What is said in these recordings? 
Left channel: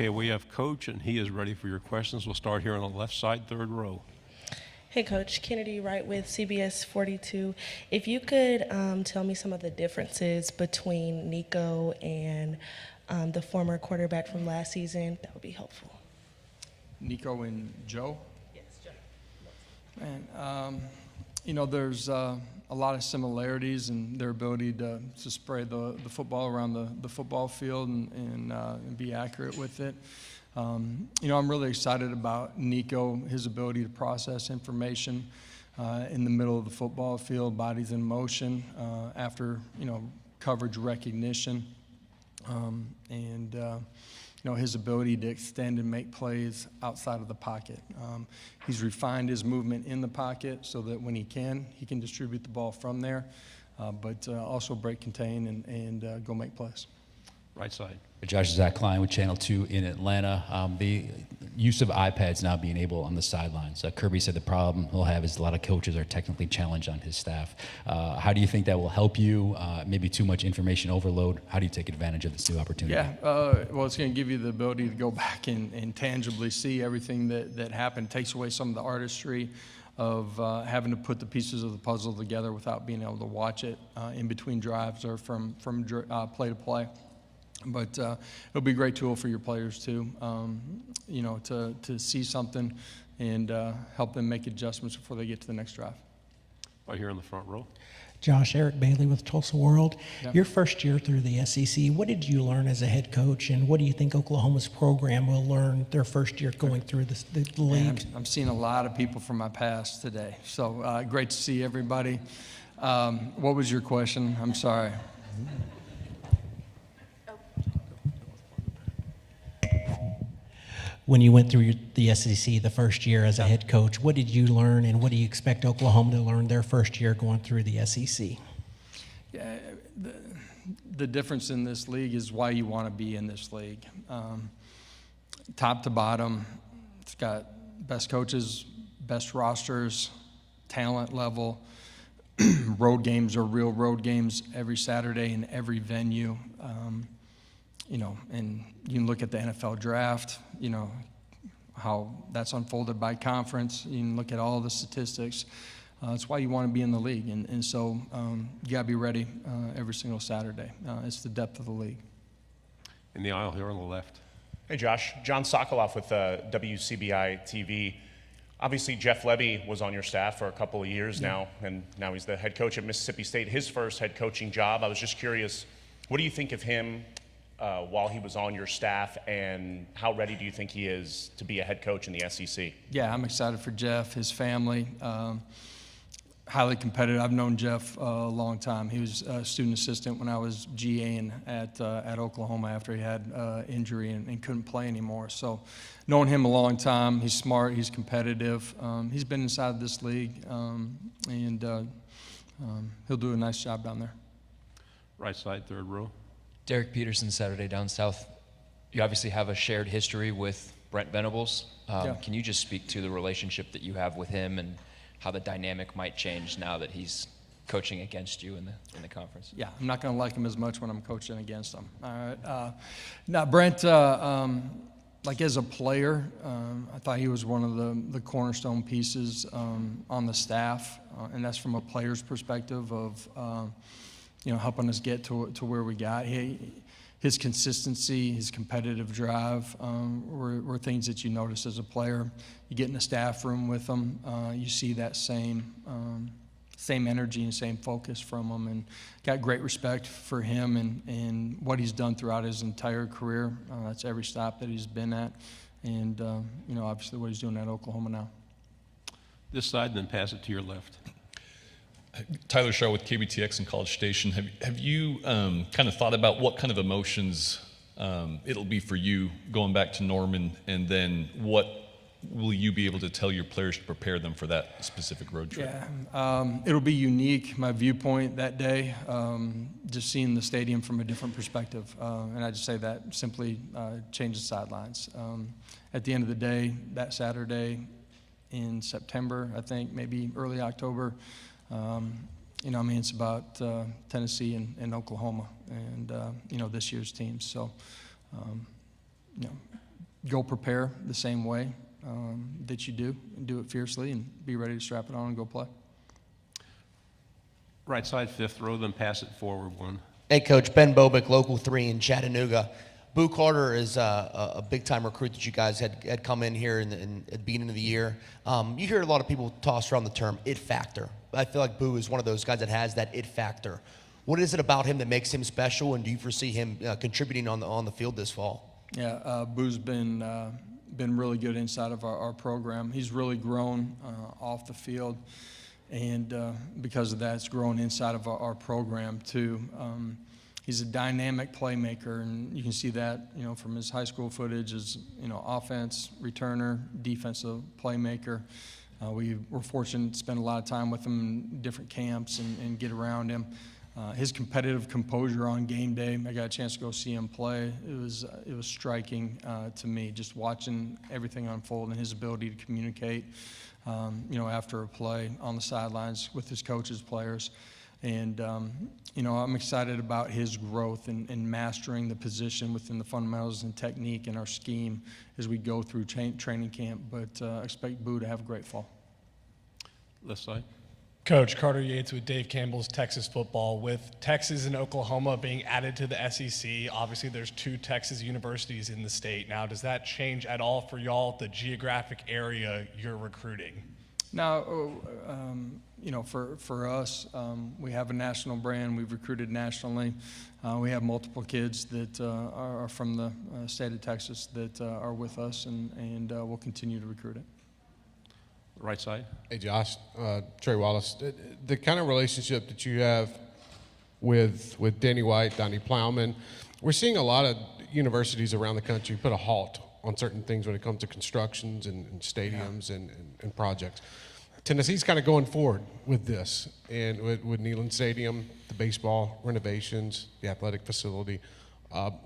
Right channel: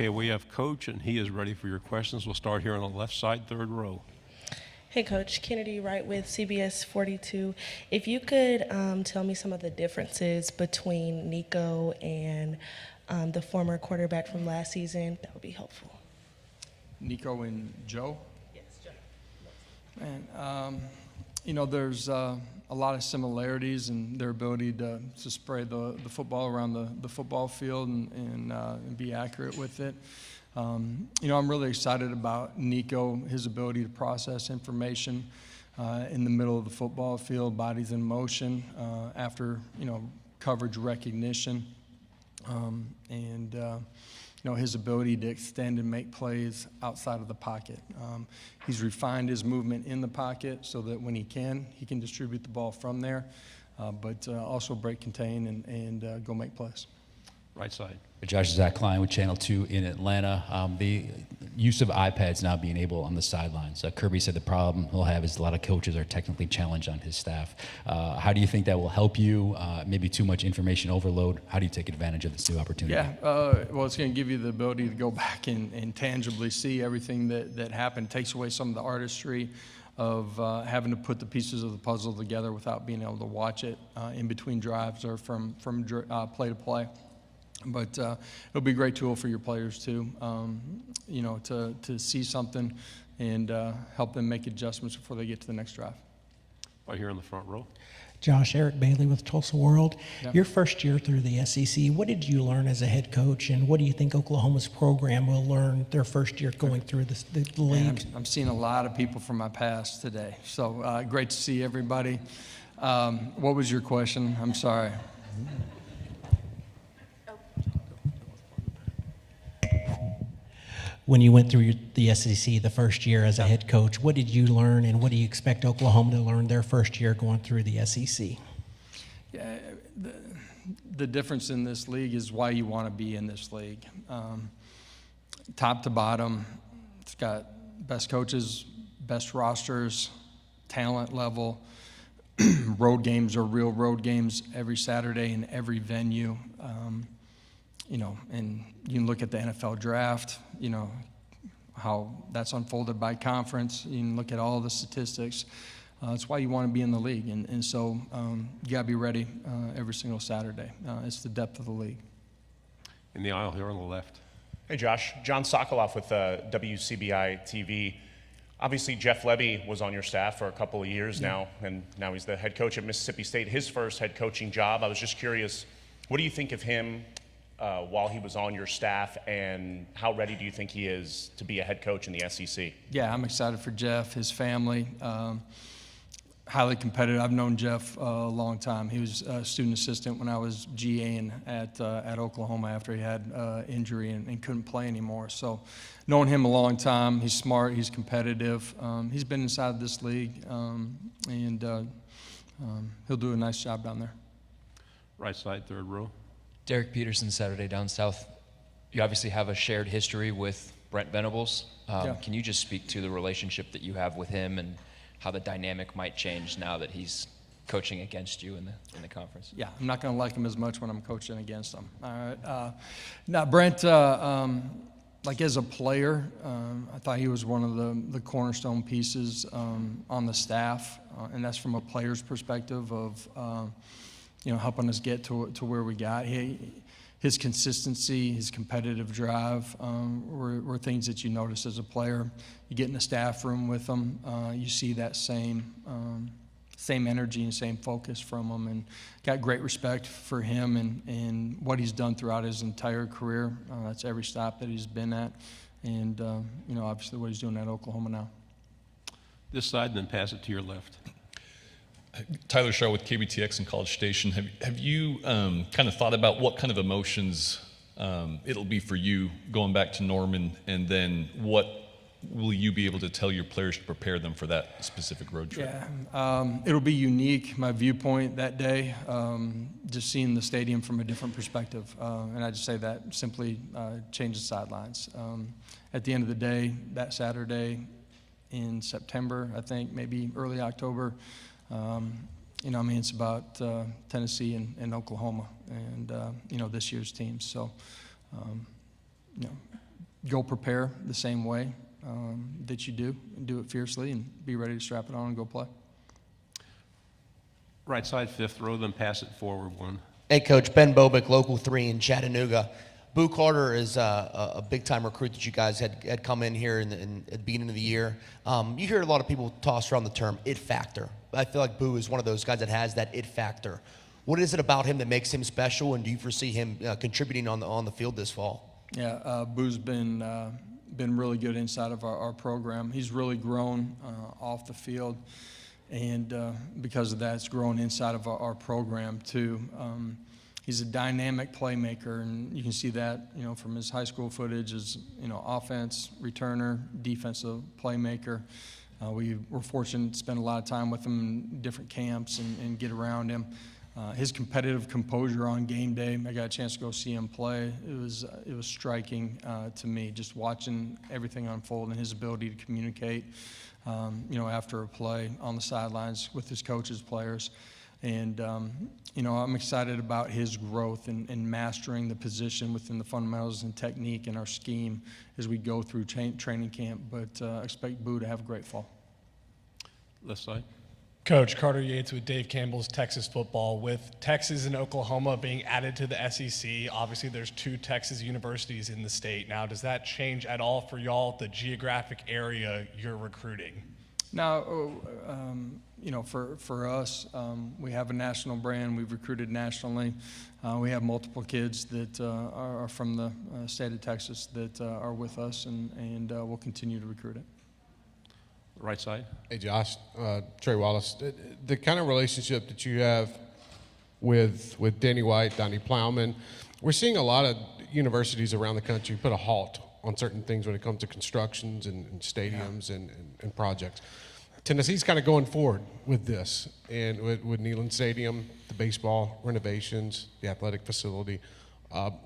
Okay, we have Coach, and he is ready for your questions. We'll start here on the left side, third row. Hey, Coach. Kennedy Wright with CBS 42. If you could tell me some of the differences between Nico and the former quarterback from last season, that would be helpful. Nico and Joe? Yes, Joe. And, there's a lot of similarities in their ability to spray the football around the football field and be accurate with it. I'm really excited about Nico, his ability to process information in the middle of the football field, bodies in motion, after, coverage recognition, his ability to extend and make plays outside of the pocket. He's refined his movement in the pocket so that when he can distribute the ball from there, but also break, contain, and go make plays. Right side. Josh, Zach Klein with Channel 2 in Atlanta. The use of iPads now being able on the sidelines. Kirby said the problem he'll have is a lot of coaches are technically challenged on his staff. How do you think that will help you? Maybe too much information overload. How do you take advantage of this new opportunity? Yeah, well, it's going to give you the ability to go back and tangibly see everything that happened. It takes away some of the artistry of having to put the pieces of the puzzle together without being able to watch it in between drives or from play to play. But it'll be a great tool for your players too, to see something and help them make adjustments before they get to the next drive. Right here in the front row. Josh, Eric Bailey with Tulsa World. Yeah. Your first year through the SEC, what did you learn as a head coach, and what do you think Oklahoma's program will learn their first year going through the league? I'm seeing a lot of people from my past today, so great to see everybody. What was your question? I'm sorry. When you went through the SEC the first year as a head coach, what did you learn, and what do you expect Oklahoma to learn their first year going through the SEC? Yeah, the difference in this league is why you want to be in this league. Top to bottom, it's got best coaches, best rosters, talent level. Road games are real road games every Saturday in every venue. And you can look at the NFL draft, how that's unfolded by conference. You can look at all the statistics. That's why you want to be in the league. And so you got to be ready every single Saturday. It's the depth of the league. In the aisle here on the left. Hey, Josh. John Sokoloff with WCBI TV. Obviously, Jeff Lebby was on your staff for a couple of years now, and now he's the head coach at Mississippi State, his first head coaching job. I was just curious, what do you think of him while he was on your staff, and how ready do you think he is to be a head coach in the SEC? Yeah, I'm excited for Jeff, his family. Highly competitive. I've known Jeff a long time. He was a student assistant when I was GAing at Oklahoma after he had injury and couldn't play anymore. So knowing him a long time, he's smart, he's competitive. He's been inside this league, and he'll do a nice job down there. Right side, third row. Derek Peterson, Saturday Down South. You obviously have a shared history with Brent Venables. Yeah. Can you just speak to the relationship that you have with him and how the dynamic might change now that he's coaching against you in the conference? Yeah, I'm not going to like him as much when I'm coaching against him. All right. Now, Brent, like as a player, I thought he was one of the cornerstone pieces on the staff, and that's from a player's perspective of helping us get to where we got. His consistency, his competitive drive were things that you notice as a player. You get in the staff room with him, you see that same energy and same focus from him, and got great respect for him and what he's done throughout his entire career. That's every stop that he's been at, and obviously what he's doing at Oklahoma now. This side, and then pass it to your left. Tyler Shaw with KBTX and College Station. Have you kind of thought about what kind of emotions it'll be for you going back to Norman, and then what will you be able to tell your players to prepare them for that specific road trip? Yeah, it'll be unique, my viewpoint that day, just seeing the stadium from a different perspective. And I just say that simply change the sidelines. At the end of the day, that Saturday in September, I think, maybe early October, it's about Tennessee and Oklahoma and, this year's teams. So, go prepare the same way that you do it fiercely, and be ready to strap it on and go play. Right side, fifth row, then pass it forward one. Hey, Coach. Ben Bobick, Local 3 in Chattanooga. Boo Carter is a big-time recruit that you guys had come in here at the beginning of the year. You hear a lot of people toss around the term it factor. I feel like Boo is one of those guys that has that it factor. What is it about him that makes him special, and do you foresee him contributing on the field this fall? Yeah, Boo's been really good inside of our program. He's really grown off the field, and because of that, it's grown inside of our program too. He's a dynamic playmaker, and you can see that, from his high school footage as, offense, returner, defensive playmaker. We were fortunate to spend a lot of time with him in different camps and get around him. His competitive composure on game day, I got a chance to go see him play. It was striking to me, just watching everything unfold and his ability to communicate, after a play on the sidelines with his coaches, players. And, I'm excited about his growth and mastering the position within the fundamentals and technique in our scheme as we go through training camp. But expect Boo to have a great fall. Left side. Coach, Carter Yates with Dave Campbell's Texas Football. With Texas and Oklahoma being added to the SEC, obviously there's 2 Texas universities in the state. Now, does that change at all for y'all, the geographic area you're recruiting? Now, for us, we have a national brand. We've recruited nationally. We have multiple kids that are from the state of Texas that are with us, and we'll continue to recruit it. Right side. Hey, Josh, Trey Wallace. The kind of relationship that you have with Danny White, Donnie Plowman, we're seeing a lot of universities around the country put a halt on certain things when it comes to constructions and stadiums and projects. Tennessee's kind of going forward with this, and with Neyland Stadium, the baseball renovations, the athletic facility.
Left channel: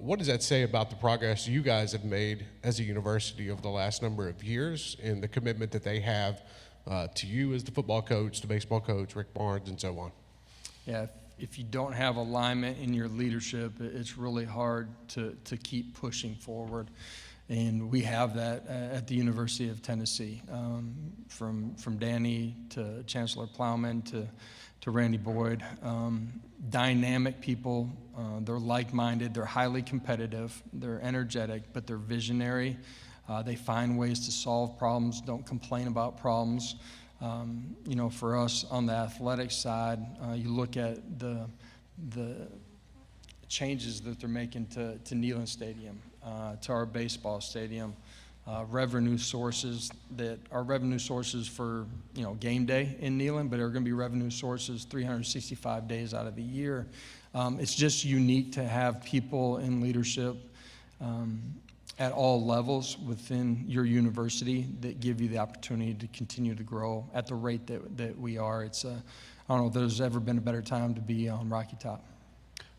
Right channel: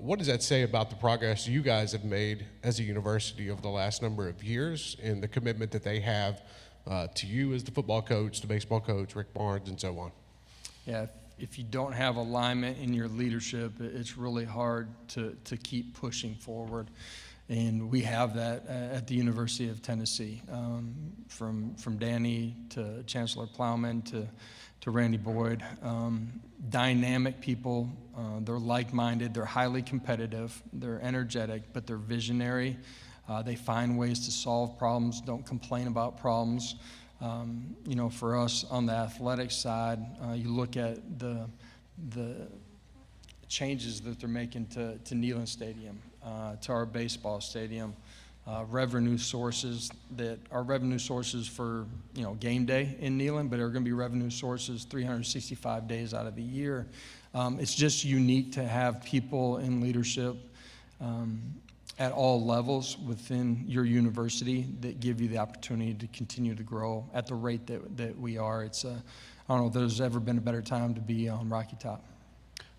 What does that say about the progress you guys have made as a university over the last number of years, and the commitment that they have to you as the football coach, the baseball coach, Rick Barnes, and so on? Yeah, if you don't have alignment in your leadership, it's really hard to keep pushing forward. And we have that at the University of Tennessee, from Danny to Chancellor Plowman to Randy Boyd. Dynamic people, they're like-minded, they're highly competitive, they're energetic, but they're visionary. They find ways to solve problems, don't complain about problems. For us on the athletic side, you look at the changes that they're making to Neyland Stadium, to our baseball stadium, revenue sources that are revenue sources for game day in Neyland, but are going to be revenue sources 365 days out of the year. It's just unique to have people in leadership at all levels within your university that give you the opportunity to continue to grow at the rate that we are. It's I don't know if there's ever been a better time to be on Rocky Top.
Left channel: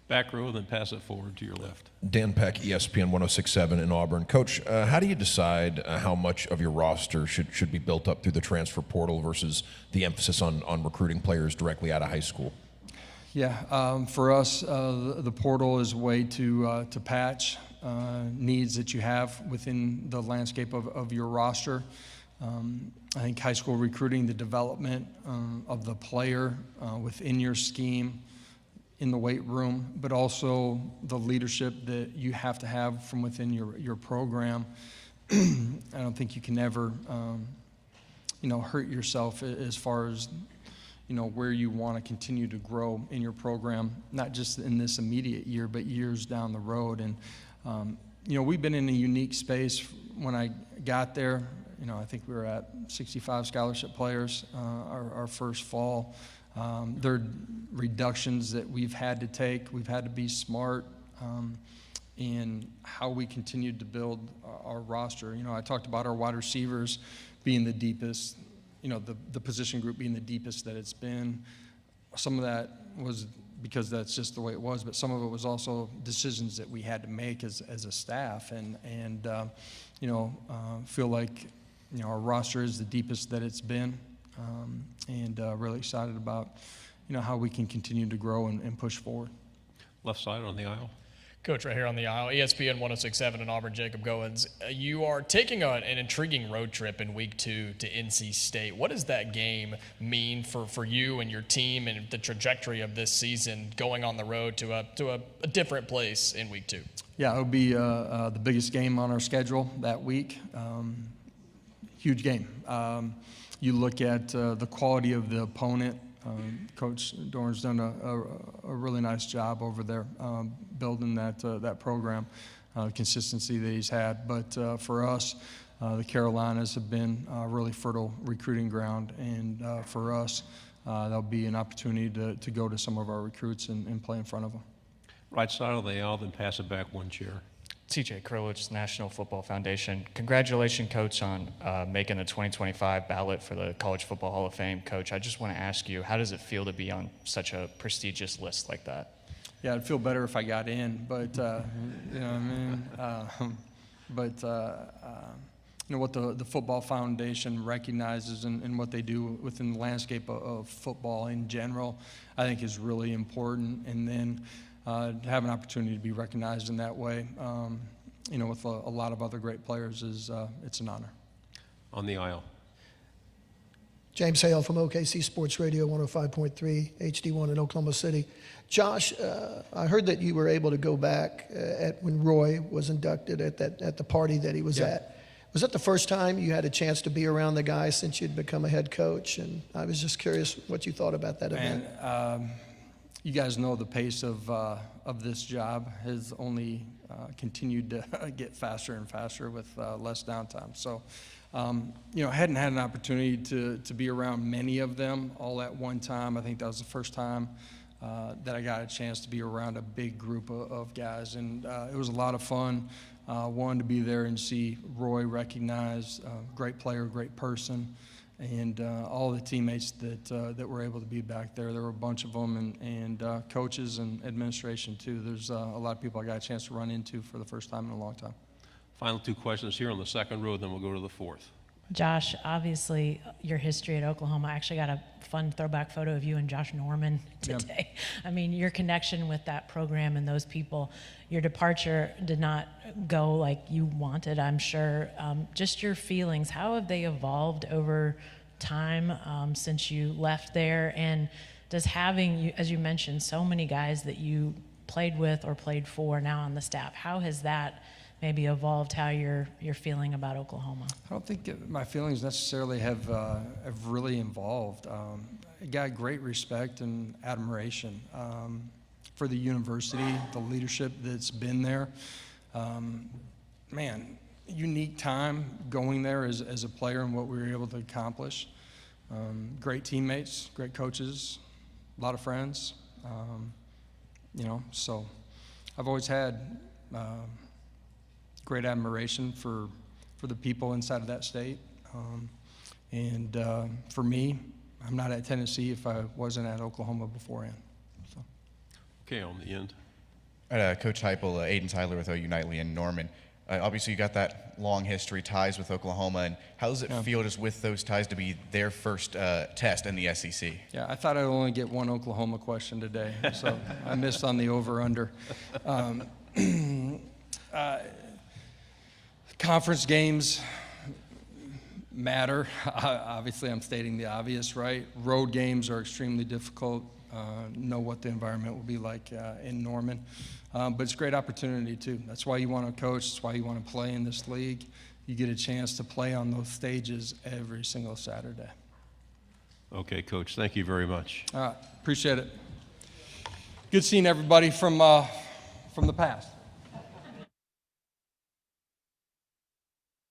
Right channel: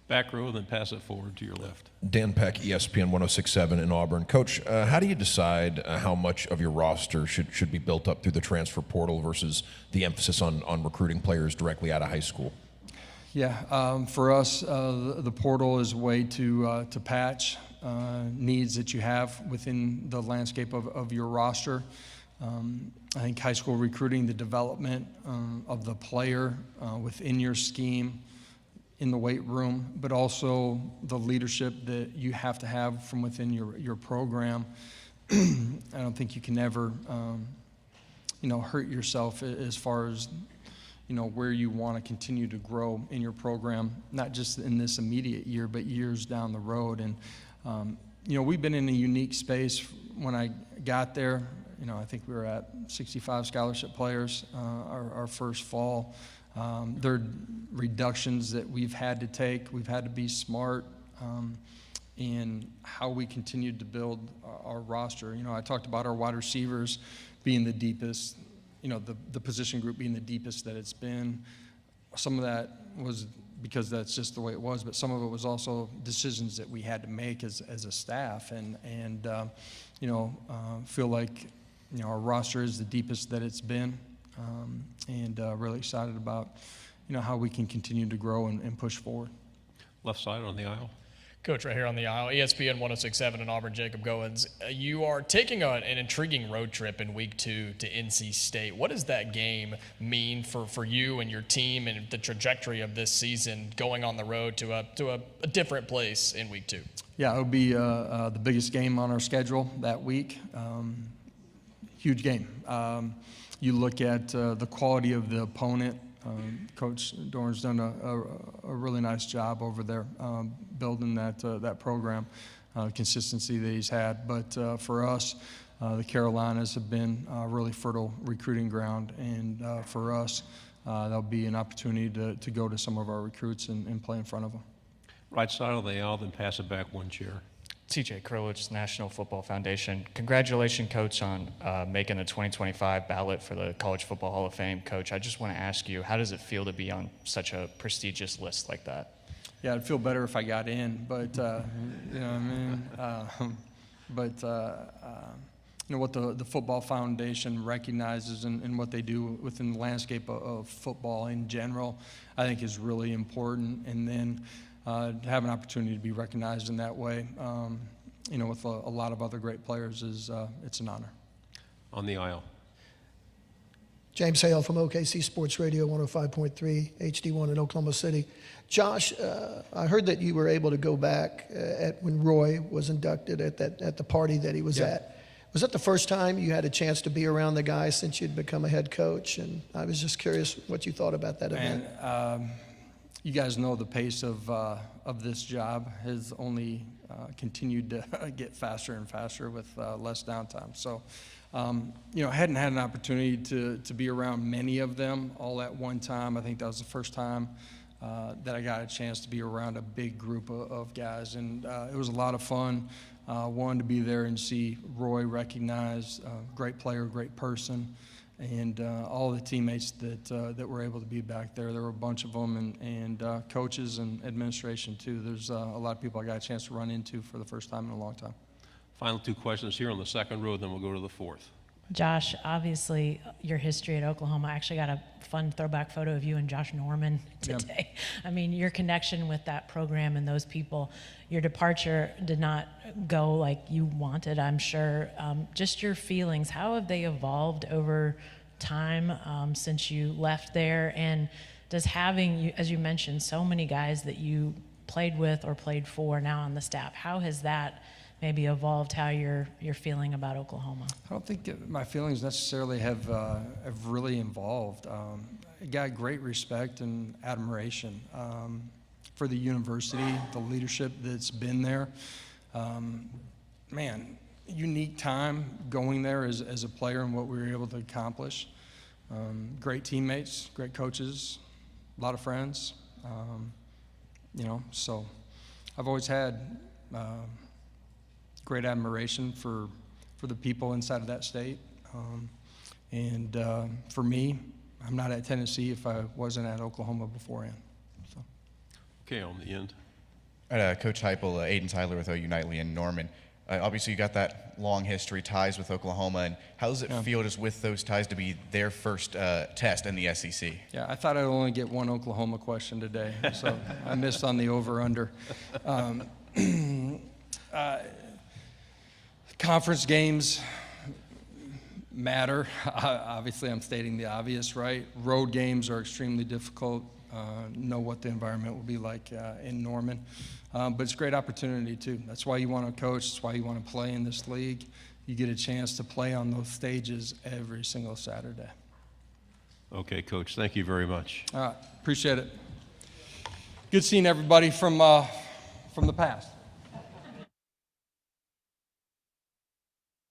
Back row, then pass it forward to your left. Dan Peck, ESPN 106.7 in Auburn. Coach, how do you decide how much of your roster should be built up through the transfer portal versus the emphasis on recruiting players directly out of high school? Yeah, for us, the portal is a way to patch needs that you have within the landscape of your roster. I think high school recruiting, the development of the player within your scheme, in the weight room, but also the leadership that you have to have from within your program. I don't think you can ever, hurt yourself as far as, where you want to continue to grow in your program, not just in this immediate year, but years down the road. And, we've been in a unique space. When I got there, I think we were at 65 scholarship players our first fall. There are reductions that we've had to take. We've had to be smart in how we continued to build our roster. I talked about our wide receivers being the deepest, the position group being the deepest that it's been. Some of that was because that's just the way it was, but some of it was also decisions that we had to make as a staff, and feel like our roster is the deepest that it's been. And really excited about, how we can continue to grow and push forward. Left side on the aisle. Coach, right here on the aisle, ESPN 106.7 in Auburn, Jacob Goins. You are taking an intriguing road trip in week 2 to NC State. What does that game mean for you and your team and the trajectory of this season going on the road to a different place in week 2? Yeah, it would be the biggest game on our schedule that week. Huge game. You look at the quality of the opponent. Coach Dorn's done a really nice job over there building that program, consistency that he's had. But for us, the Carolinas have been a really fertile recruiting ground, and for us, there'll be an opportunity to go to some of our recruits and play in front of them. Right side of the aisle, then pass it back one chair. TJ Krulwich, National Football Foundation. Congratulations, Coach, on making the 2025 ballot for the College Football Hall of Fame. Coach, I just want to ask you, how does it feel to be on such a prestigious list like that? Yeah, I'd feel better if I got in, but you know what I mean. What the Football Foundation recognizes and what they do within the landscape of football in general, I think is really important. And then to have an opportunity to be recognized in that way, with a lot of other great players, it's an honor. On the aisle. James Hale from OKC Sports Radio 105.3 HD1 in Oklahoma City. Josh, I heard that you were able to go back when Roy was inducted at the party that he was at. Was that the first time you had a chance to be around the guy since you'd become a head coach? And I was just curious what you thought about that event. You guys know the pace of this job has only continued to get faster and faster with less downtime. So, I hadn't had an opportunity to be around many of them all at one time. I think that was the first time that I got a chance to be around a big group of guys, and it was a lot of fun. Wanted to be there and see Roy recognized, great player, great person. And all the teammates that were able to be back there. There were a bunch of them, and coaches and administration, too. There's a lot of people I got a chance to run into for the first time in a long time. Final 2 questions here on the second row, then we'll go to the fourth. Josh, obviously, your history at Oklahoma. I actually got a fun throwback photo of you and Josh Norman today. Yep. I mean, your connection with that program and those people, your departure did not go like you wanted, I'm sure. Just your feelings, how have they evolved over time since you left there? And does having, as you mentioned, so many guys that you played with or played for now on the staff, how has that maybe evolved how you're feeling about Oklahoma? I don't think my feelings necessarily have really evolved. I got great respect and admiration for the university, the leadership that's been there. Unique time going there as a player and what we were able to accomplish. Great teammates, great coaches, a lot of friends. So I've always had great admiration for the people inside of that state. For me, I'm not at Tennessee if I wasn't at Oklahoma beforehand. So. Okay, on the end. Coach Heupel, Aiden Tyler with OU Nightly in Norman. Obviously, you got that long history, ties with Oklahoma. And how does it feel just with those ties to be their first test in the SEC? Yeah, I thought I'd only get one Oklahoma question today, so I missed on the over-under. Conference games matter. Obviously, I'm stating the obvious, right? Road games are extremely difficult. Know what the environment will be like in Norman. But it's a great opportunity, too. That's why you want to coach. That's why you want to play in this league. You get a chance to play on those stages every single Saturday. Okay, Coach. Thank you very much. Appreciate it. Good seeing everybody from the past.